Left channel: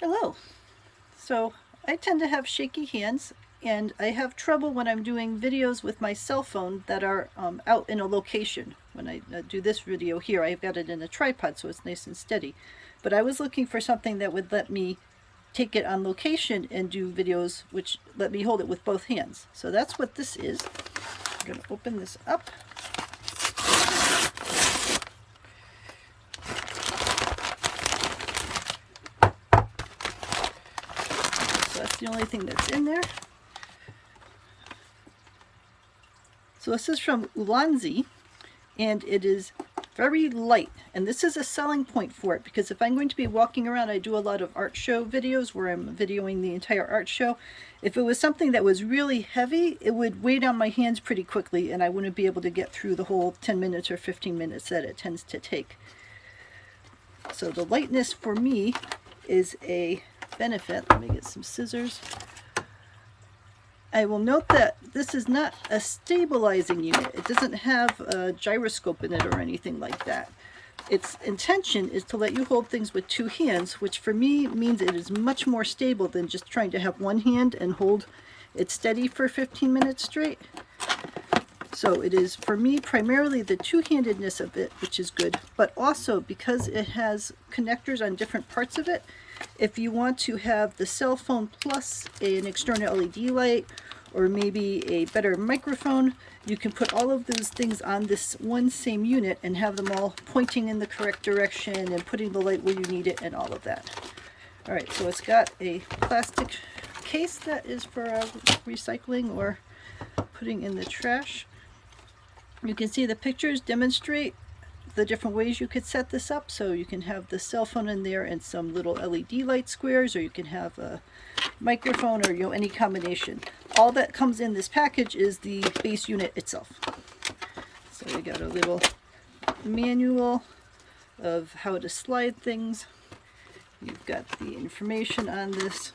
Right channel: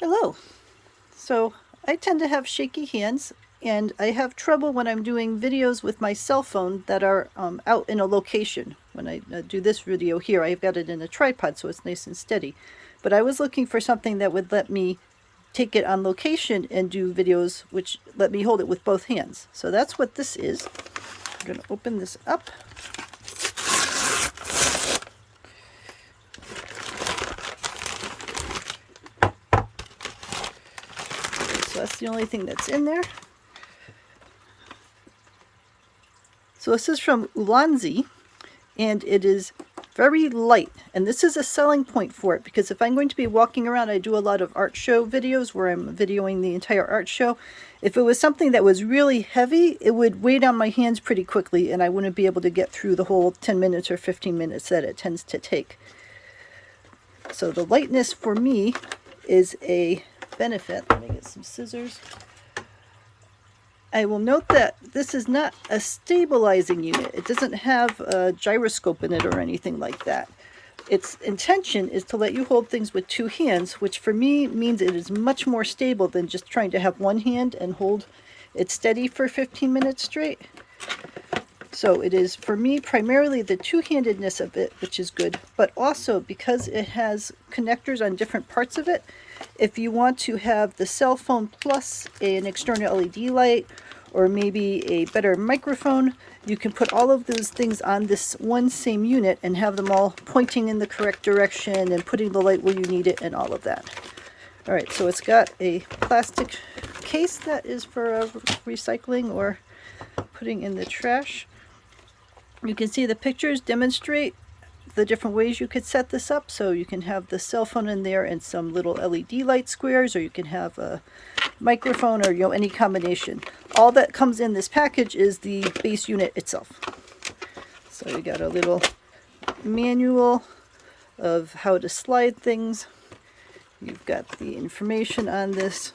Hello. So I tend to have shaky hands, and I have trouble when I'm doing videos with my cell phone that are out in a location. When I do this video here, I've got it in a tripod so it's nice and steady. But I was looking for something that would let me take it on location and do videos which let me hold it with both hands. So that's what this is. I'm going to open this up. So that's the only thing that's in there. So this is from Ulanzi, and it is very light, and this is a selling point for it, because if I'm going to be walking around, I do a lot of art show videos where I'm videoing the entire art show. If it was something that was really heavy, it would weigh down my hands pretty quickly, and I wouldn't be able to get through the whole 10 minutes or 15 minutes that it tends to take. So the lightness for me is a benefit. Let me get some scissors. I will note that this is not a stabilizing unit. It doesn't have a gyroscope in it or anything like that. Its intention is to let you hold things with two hands, which for me means it is much more stable than just trying to have one hand and hold it steady for 15 minutes straight. So it is, for me, primarily the two-handedness of it, which is good, but also because it has connectors on different parts of it. If you want to have the cell phone plus an external LED light, or maybe a better microphone, you can put all of those things on this one same unit and have them all pointing in the correct direction and putting the light where you need it and all of that. All right, so it's got a plastic case that is for recycling or putting in the trash. You can see the pictures demonstrate the different ways you could set this up. So you can have the cell phone in there and some little LED light squares, or you can have a microphone, or any combination. All that comes in this package is the base unit itself. So we got a little manual of how to slide things. You've got the information on this.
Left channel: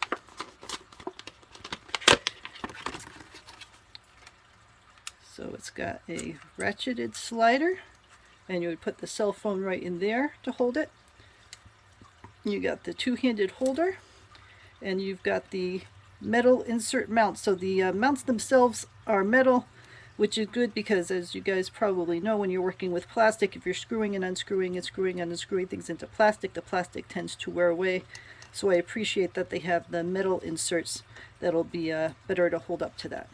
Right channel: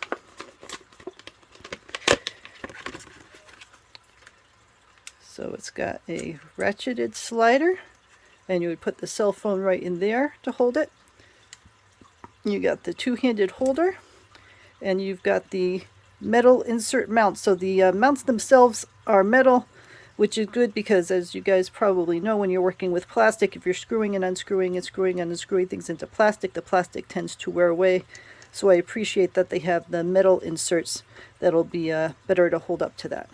So it's got a ratcheted slider, and you would put the cell phone right in there to hold it. You got the two-handed holder, and you've got the metal insert mounts. So the mounts themselves are metal, which is good because, as you guys probably know, when you're working with plastic, if you're screwing and unscrewing and screwing and unscrewing things into plastic, the plastic tends to wear away. So I appreciate that they have the metal inserts that'll be better to hold up to that.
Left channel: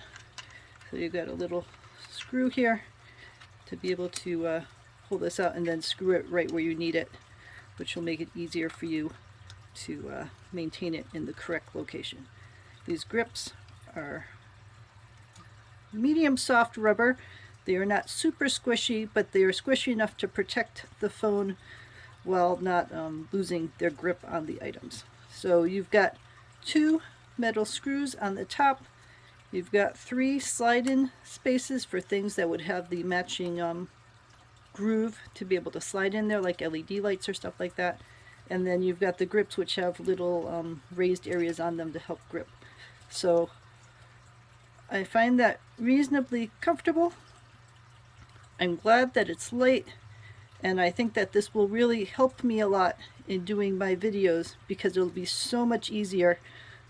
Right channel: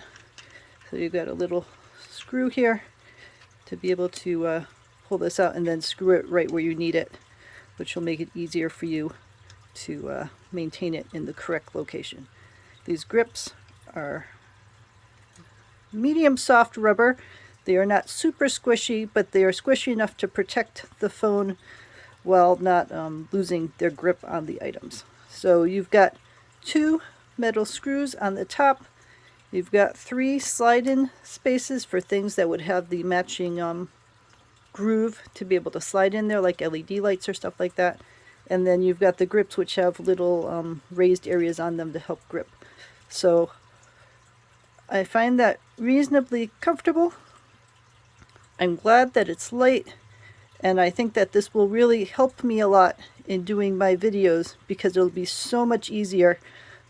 So you've got a little screw here to be able to pull this out and then screw it right where you need it, which will make it easier for you to maintain it in the correct location. These grips are medium soft rubber. They are not super squishy, but they are squishy enough to protect the phone while not losing their grip on the items. So you've got two metal screws on the top. You've got three slide-in spaces for things that would have the matching groove to be able to slide in there, like LED lights or stuff like that. And then you've got the grips, which have little raised areas on them to help grip. So I find that reasonably comfortable. I'm glad that it's light, and I think that this will really help me a lot in doing my videos, because it'll be so much easier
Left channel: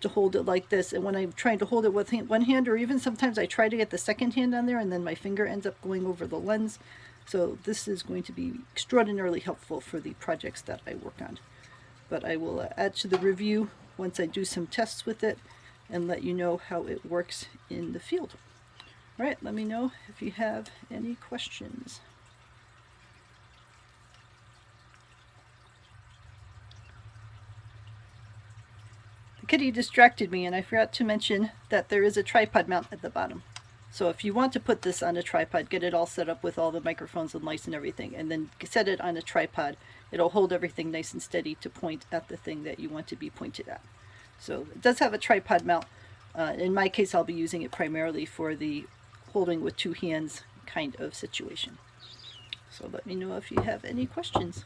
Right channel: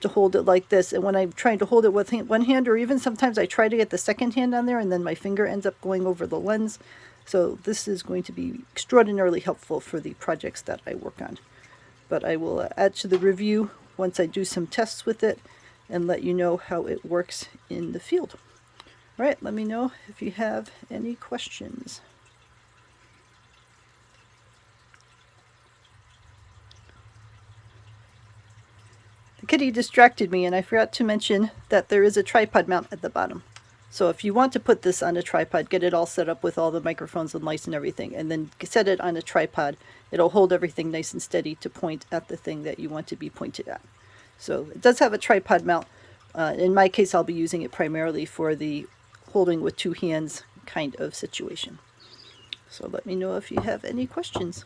to hold it like this. And when I'm trying to hold it with one hand, or even sometimes I try to get the second hand on there and then my finger ends up going over the lens. So this is going to be extraordinarily helpful for the projects that I work on. But I will add to the review once I do some tests with it and let you know how it works in the field. All right, let me know if you have any questions. The kitty distracted me, and I forgot to mention that there is a tripod mount at the bottom. So if you want to put this on a tripod, get it all set up with all the microphones and lights and everything, and then set it on a tripod, it'll hold everything nice and steady to point at the thing that you want to be pointed at. So it does have a tripod mount. In my case, I'll be using it primarily for the holding with two hands kind of situation. So let me know if you have any questions.